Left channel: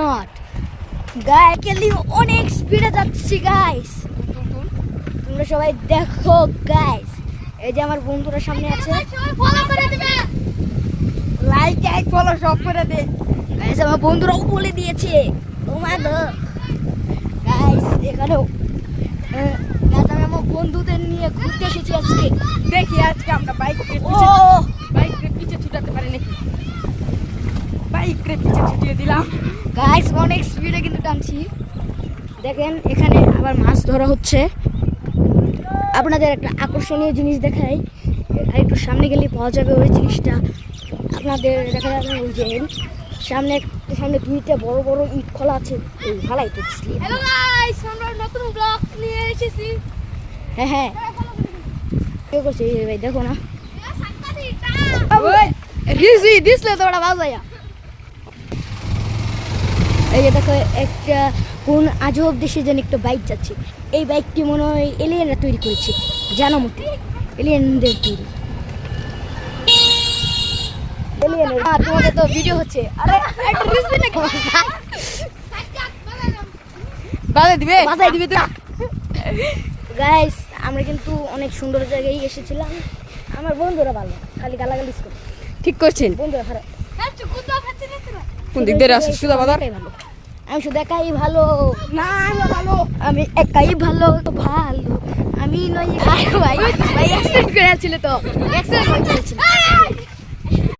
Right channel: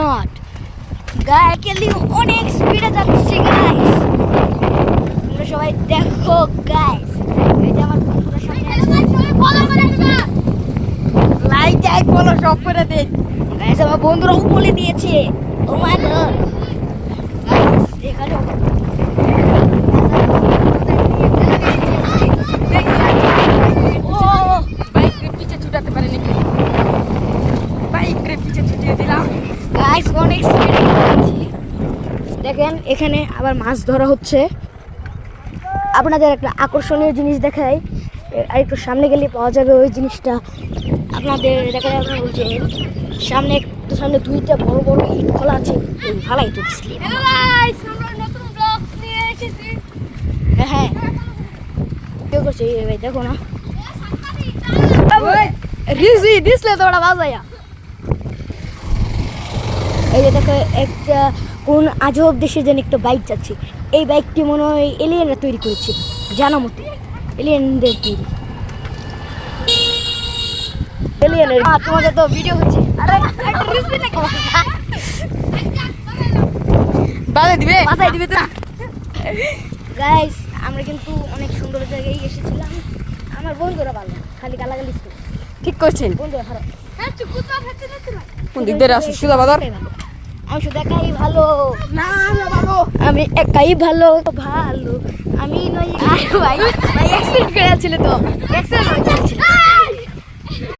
Not গাইকেলি অনেক স্পিডে যাচ্ছি গাইস, তোমরা সবাই দেখো গাইস। এই যে আমার বন্ধুরা সামনে আছে, লাইক টাইক ফলো সব করে দে গাইস। আমার বন্ধুরাও বলে দিয়েছে ও মাই গড গাইস, এখানে বন্ধুদের নিয়ে ঘুরতে এসেছি। দেখি আজকে বাইক ও বাইক পিছে ছুটাতে পারিনি, বাইক পিছে ছুটিয়ে দিলাম গাইস, অনেক স্পিডে যাচ্ছি। দেখেন এখানে আবার মাছ ধরা হচ্ছে। আপনাদের একটা আকর্ষণীয় জিনিস দেখাই, আর একটু সামনে গেলে পাওয়া যাবে ওই জিনিসটা। আপনাদের দেখায় আপনারা বলছেন সামনে একটু সামনে দুইটা বড় বড় ইট খোলা আছে, এই ভালাই তো দিচ্ছিলি। হ্যালো গাইস, আমরা নতুন ব্লগ নিয়ে এসেছি। হ্যাঁ হ্যাঁ, কেউ করছে এই ভাই, দেখো না ওই রিজি দিসলে তো ওটা বাজাইয়া। এই যে দেখো একটা কোন আজব দেশে যেন একটা বাইক যাচ্ছে। এই বাইকটি মনে হয় এলিয়েনরা তৈরি করেছে, জানা মতে এলিয়েনদের তৈরি। এলিয়েনের তোমাদের তো ভিডিও হচ্ছে। আরে একটা রিলস দিন নাকি? বাজাই দিবে বাজাই দিবে তো। গাইস, আমরা কিন্তু অনেক সুন্দর জায়গায় এসেছিলাম। আমার বন্ধুরা ভালো না, খালি গালাগালি করে। ঠিক করছেন। বন্ধুরা খারাপ। কোন দিক দিয়ে আছে সুদা বাজার? আমি শুধু একাই ভালো, না না ভালো, আমি একাই ভালো ভালো, আমি নই। ভাই ভাই অ্যাক্সিডেন্ট করে ছিল তো, অ্যাক্সিডেন্ট হয়েছিল।